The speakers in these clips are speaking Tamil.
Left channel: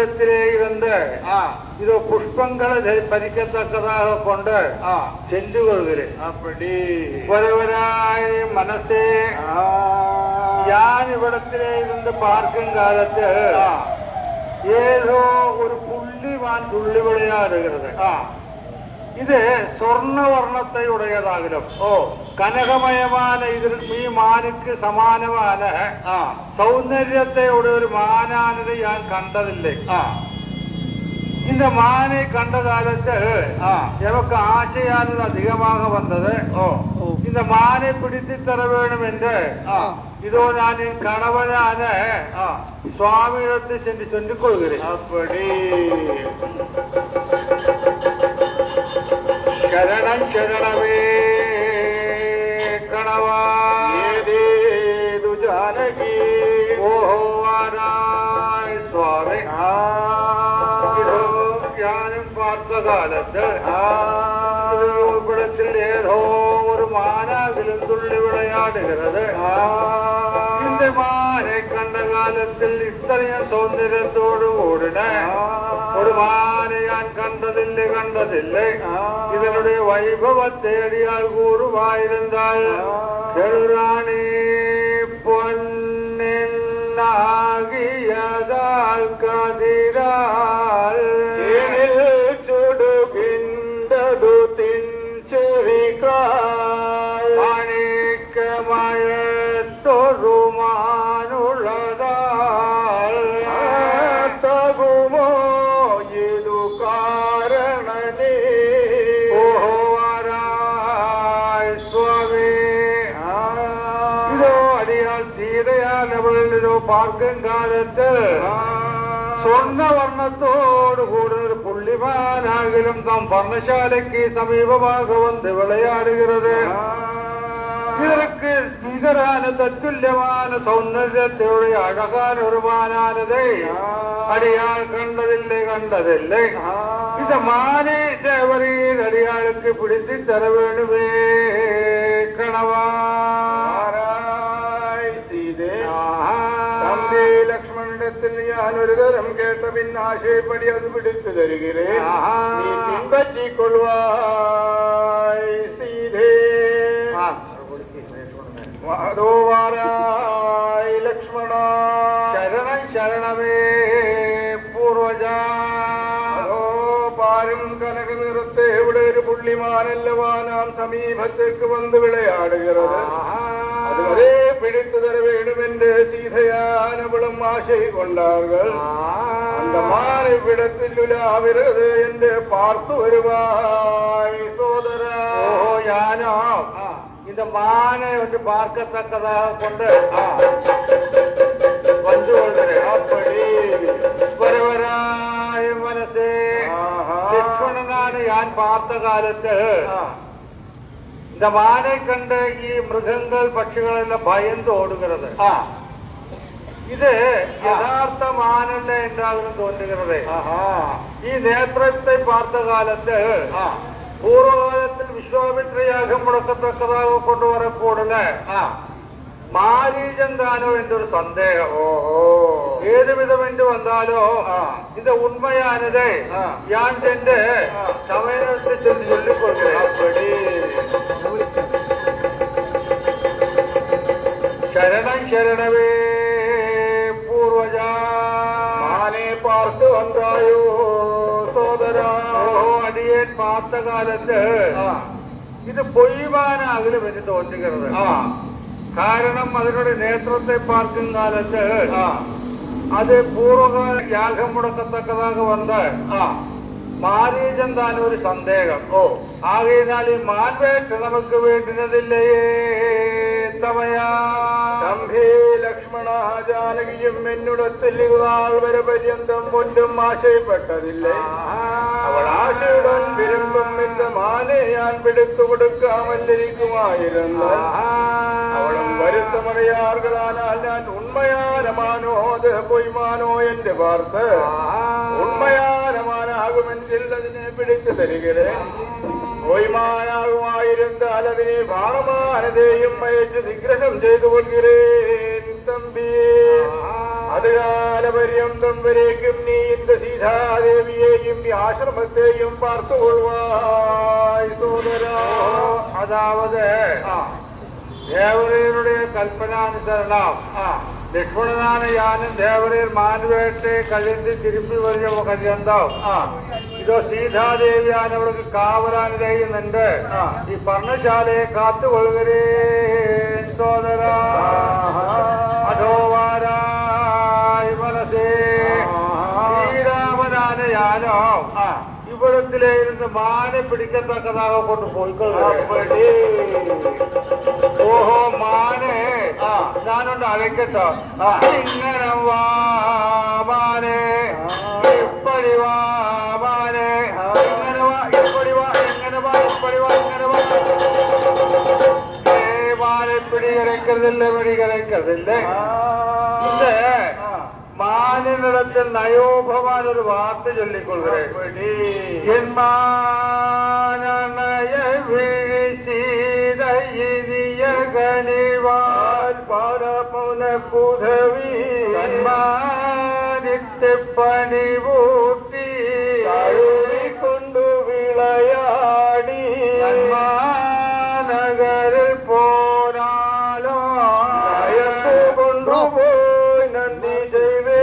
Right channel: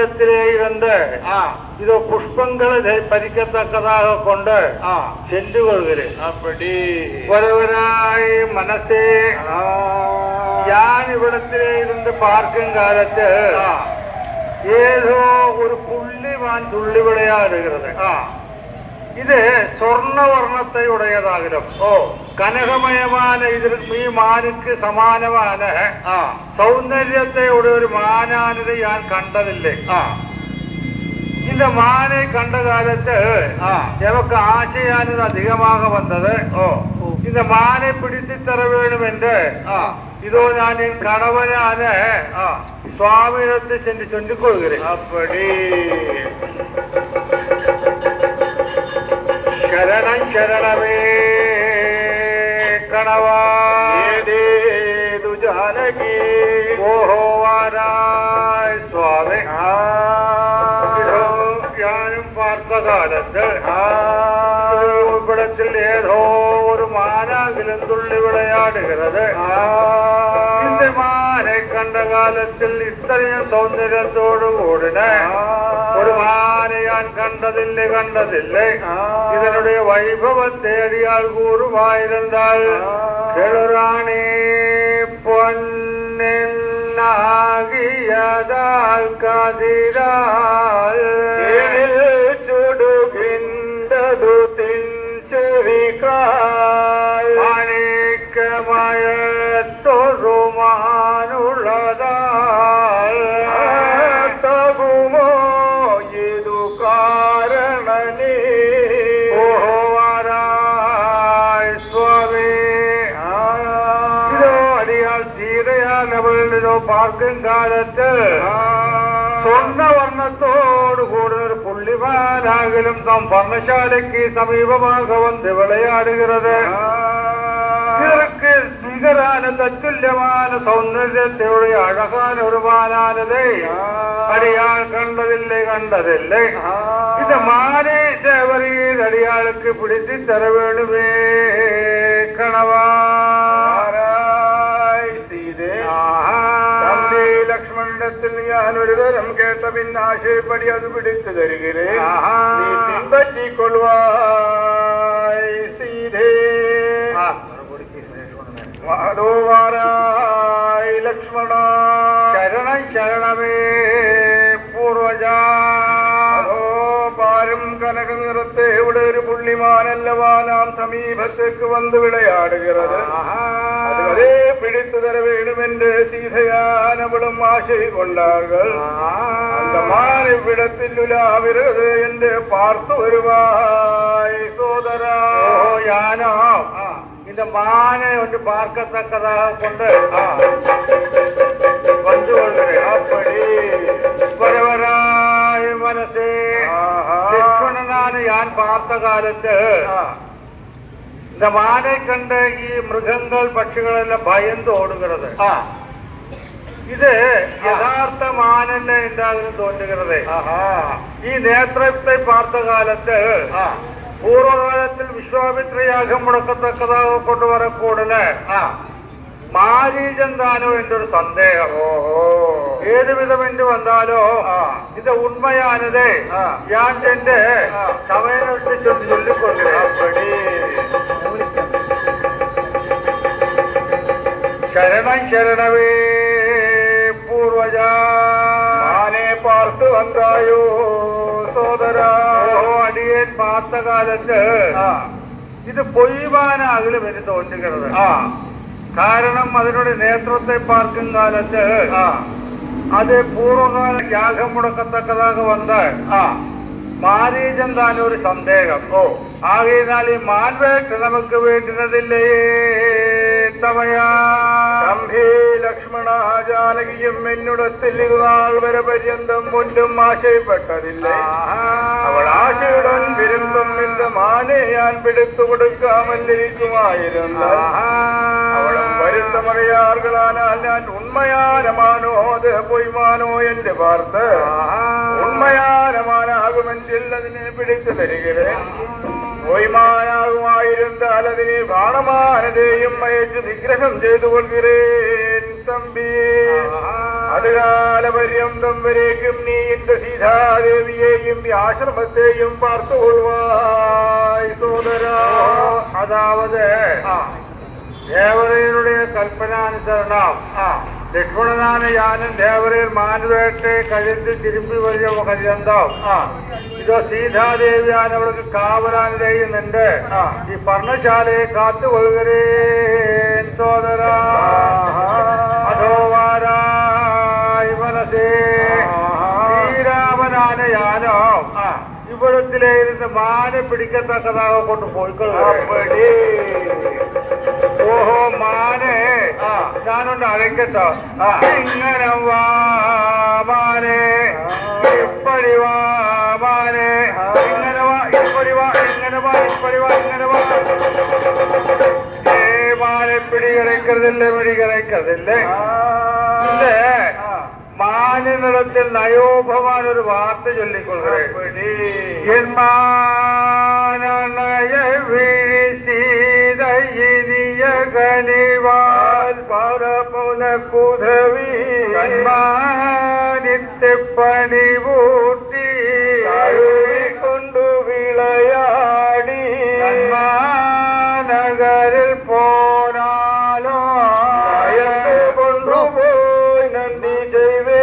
நம்மிடத்திலே இருந்து இதோ புஷ்பங்களை பறிக்கத்தக்கதாக கொண்டு சென்று கொள்கிறேன். அப்படி ஒருவராய் மனசே யான் இவ்விடத்திலே இருந்து பார்க்கும் காலத்து ஏதோ ஒரு புள்ளிமான் துள்ளி விளையாடுகிறது. இது சொர்ண வர்ணத்தை உடையதாகிடும். കനകമയமான ഇതിൽ ഈ മാനുക്ക് സമാനമായ സൗന്ദര്യത്തെ ഉடைய ഒരു മാനാനത് ഞാൻ കണ്ടതില്ലേ. இந்த மானை கண்ட காலத்து எனக்கு ஆசையானது அதிகமாக வந்தது. இந்த மானை பிடித்து தர வேண்டும் என்று இதோ நான் என் கணவனான சுவாமியிடத்தை சென்று சொல்லிக் கொள்கிறேன். அப்படி சரணம் சரணமே கணவா ஜானகி ஓஹோவாராய் சுவாமி. ഞാനും പാർത്ത കാലത്ത് ഇവിടത്തിൽ ഏതോ ഒരു മാനാകിലും തുള്ളി വിളയാടുகிறது. இந்த മാനെ കണ്ട കാലത്തിൽ ഇത്രയും സൗന്ദര്യത്തോടു കൂടിന ഒരു മാനെ ഞാൻ കണ്ടതില്ലേ. ഇതിനുடைய വൈഭവത്തെ അടിയാൽ കൂറുമായിരുന്നാൽ കെളുറാണി പൊന്നിനാകിയതാൽ കതിരാൽ பார்க்கும் காலத்து சொர்ண வர்ணத்தோடு கூடிய புள்ளிமானாகிலும் தாம் பர்ணசாலைக்கு சமீபமாக வந்து விளையாடுகிறது. இதற்கு நிகரான தத்துல்யமான சௌந்தரியத்தையுடைய அழகான ஒரு மானானதை அடியாள் கண்டதில்லை. இந்த மானே தேவரின் அடியாளுக்கு பிடித்து தர வேண்டுமே கணவா. ലക്ഷ്മണത്തിൽ ഞാൻ ഒരു തരം കേട്ട പിന്നാശയപ്പടി അത് പിടിച്ചു തരികേൻ. നീ പിൻപറ്റിക്കൊള്ളുവായി സീതേ. മാധോവാരായി ലക്ഷ്മണ ശരണം ശരണമേ പൂർവജാ. പാരും കനക നിറത്തെ ഇവിടെ ഒരു പുള്ളിമാനല്ലവാ നാം സമീപത്തേക്ക് വന്ന് വിളയാടുகிறது. அதுவரே பிடித்து தர வேண்டும் என்று சீதையானவளும் ஆசை கொண்டார்கள். அந்த மானை விடத்தில் உலாவிறது என்று பார்த்து வருவாய் சோதரா. யானோ இந்த மானை ஒன்று பார்க்கத்தக்கதாக கொண்டு வந்து கொள்கிறேன். அப்படி வரவராய் மனசே லட்சுமணனான யான் பார்த்த காலத்து இந்த மானை கண்ட ഈ മൃഗങ്ങൾ പക്ഷികളെല്ലാം ഭയந்து ഓടുகிறது. ഇത് യഥാർത്ഥ മാനല്ല എന്താകുന്നു തോന്നുகிறது. ഈ നേത്രത്തെ பார்த்த കാലത്ത് പൂർവകാലത്തിൽ വിശ്വാമിത്ര യാഗം മുടക്കത്തക്കதாக കൊണ്ടുവരക്കൂടല മാരീചൻ தானோ എന്നൊരു സന്ദേഹം. ഏത് വിധം என்று வந்தாலோ இந்த உண்மையானதை ഞാൻ ചെന്ന് സമയത്ത് ചൊല്ലിക്കൊള്ളുகிறேன். ശരണം ശരണമേ പൂർവജാ. മാനെ പാർത്തു വന്നായോ സോദരാ. അടിയൻ பார்த்த കാലത്ത് ഇത് പൊയ്മാനാകലും എന്ന് തോന്നുகிறது. കാരണം അതിനുடைய നേത്രത്തെ பார்க்கும் കാലത്ത് അത് പൂർവകാല യാഗം മുടക്കത്തക്കதாக വന്ന മാരീചൻ താൻ ഒരു സന്ദേഹം. ആകെയാൽ ഈ മാൻവേട്ട് നമുക്ക് വേണ്ടുന്നതില്ലയേ തമയാ. തമ്പി ലക്ഷ്മണ ജാനകിയും എന്നിടത്തിൽ നാൾ വരെ പര്യന്തം ഒന്നും ആശയപ്പെട്ടതില്ലേ. അവൾ ആശയുடன் വിരുമ്പം இந்த മാനെ ഞാൻ പിടിച്ചു കൊടുക്കാമെന്നിരിക്കുമായിരുന്നു. അവളും വരുത്തമറിയാറുകളാനാൽ ഞാൻ ഉണ്മயான മാനോ അത് പൊയ്മാനോ என்று பார்த்து ഉണ്മயான മാനാകുമെങ്കിൽ അതിനെ പിടിച്ചു തരികേൻ. പൊയ്മാനാകുമായിരുന്നാൽ അതിനെ ബാണമാനതയും അയച്ച് നിഗ്രഹം ചെയ്തു കൊள்கிறேன் തമ്പി അതുകാല പര്യന്തം വരേക്കും നീ എന്റെ സീതാദേവിയെയും ഈ ആശ്രമത്തെയും പാർത്തുകൊള്ളുവായി സോദരാ. அதாவது தேவரையனுடைய கல்பனானுசரணம் லட்சுமணனான யானும் தேவரையர் மான்வேட்டை கழிந்து திரும்பி வருகிற கல்யாணம் இதோ சீதாதேவியானவளுக்கு காவலானதையும் நின்று இப்பர்ணசாலையை காத்து கொள்கிறேன் சோதரா. அதோ வாராய் மனசே ஸ்ரீராமனான யானும் இவ்விடத்திலே இருந்து மானை பிடிக்கத்தக்கதாக கொண்டு போய்கொள்கிறேன். ஓஹோ மானே ഞാനൊന്ന് അழைക്കട്ടോ. ഇങ്ങനെ വാ മാനേ ഇപ്പടി വാ മാനേ ഇങ്ങനെ വാ ഇപ്പടി വാ ഇങ്ങനെ വാ ഇപ്പടി വാ ഇങ്ങനെ വാ. മാനെ പിടി கிடைக்கிறதில்லை പിടി கிடைக்கிறதில்லை. ഇല്ല മാനിനിടത്തിൽ നയോഭവാൻ ഒരു വാർത്ത ചൊല്ലിക്കൊള്ളുകയും എൻ മാനയ വീഴ്ചീത ഇനിയ കനിവാൽ പരമുന പുതവി കന്മാനിത്തെ പണിവൂട്ടി കൊണ്ടു വിളയാടി നഗരിൽ പോനാലോ കൊണ്ടുപോയി നന്ദി ചെയ്വേ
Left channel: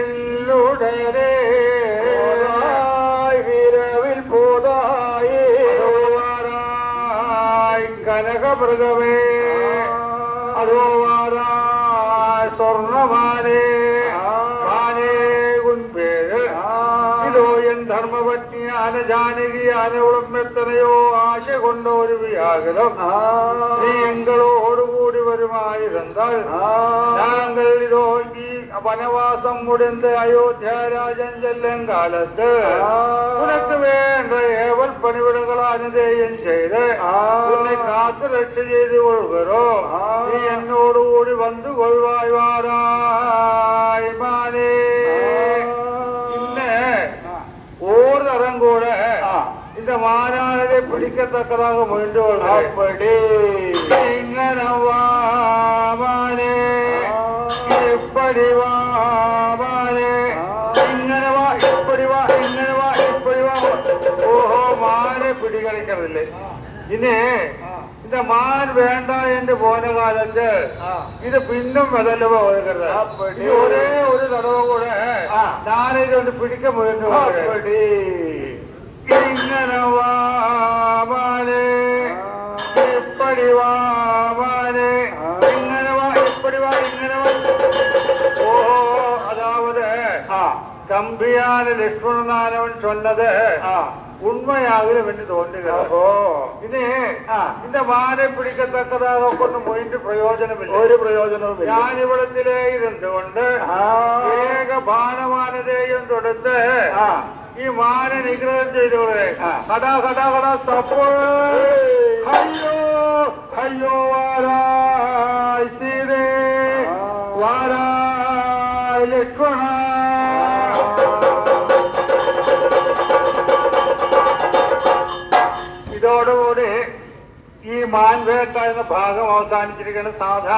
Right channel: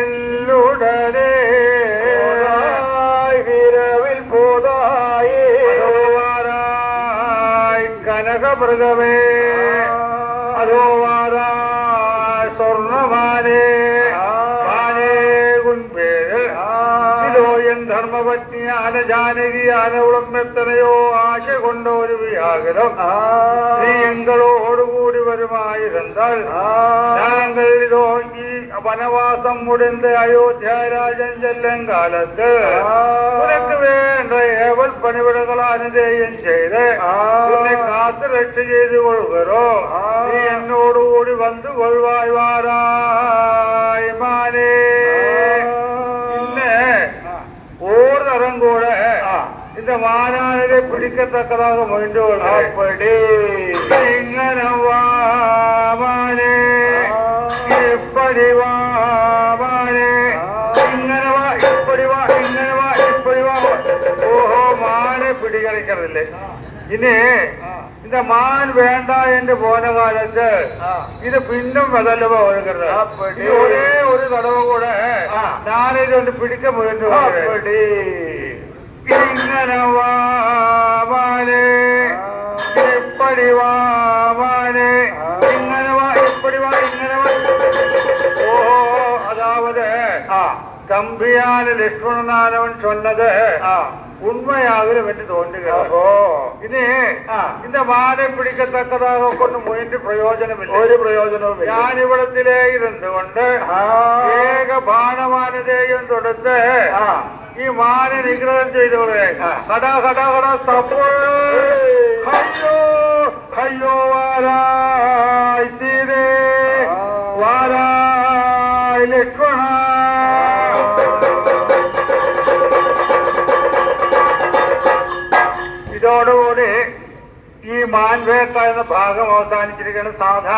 എല്ലുടനെ വിരവിൽ പോതായി കനകമൃഗമേ അതോ വാരായ് സ്വർണമാനേ മാനേ കുൻപേര് ഇതോ എൻ ധർമ്മപത്നിയാന ജാനകിയാനവളും എത്രയോ ആശ കൊണ്ട ഒരു വ്യാകുലം നീ എങ്ങളോടുകൂടി വരുമായിരുന്നാൽ ഞങ്ങൾ ഇതോ ഈ വനവാസം മുടിந்து അയോധ്യാരാജൻ ചെല്ലും കാലത്ത് ഉനക്ക് വേണ്ട ഏവൽ പണിവിടങ്ങൾ അനുദേയം ചെയ്ത് ഉന്നെ കാത്തു രക്ഷ ചെയ്തു കൊള്ളുകരോ നീ എന്നോടുകൂടി വന്നു കൊള്ളുവായി വാരായ് മാനേ. പിന്നെ ஒரு தரம் கூட இந்த மாநாடு பிடிக்கத்தக்கதாக முயன்று அப்படி இങ്ങനെ வாமானே இப்படி வாமானே இങ്ങനെ வா இப்படி வா இങ്ങനെ வா இப்படி வா. ஓஹோ மானை பிடி கிடைக்கிறதில்லை. இனி இந்த மான் வேண்டாம் என்று போன காலத்து இது பின்னும் விதலுவ வருகிறது. அப்படி ஒரே ஒரு தடவை கூட நானே வந்து பிடிக்க முயன்று அப்படி இങ്ങനെ வாமானே இப்படி வாமானே இങ്ങനെ வா இப்படி வா இങ്ങനെ வா. ஓஹோ அதாவது தம்பியான லட்சுமணனானவன் சொன்னது உண்மையாகிற என்று தோன்றுகிறதோ. இனி இந்த மானை பிடிக்கத்தக்கதாக கொண்டு முயன்று பிரயோஜனமில்லை. ஒரு பிரயோஜனமும் ഞാൻ ഇവിടത്തിലേ ഇരുന്നുകൊണ്ട് ഏക ബാണമാനതയും തൊടുത്ത് ഈ മാനെ നിഗ്രഹം ചെയ്തോളെ കടാ കടാ കടാ സപ്പോ അയ്യോ അയ്യോ വാരായ് സീതേ വാരായ് ലക്ഷ്മണ. ഇതോടുകൂടി ഈ മാൻവേട്ട എന്ന ഭാഗം അവസാനിച്ചിരിക്കുന്ന സാധാരണ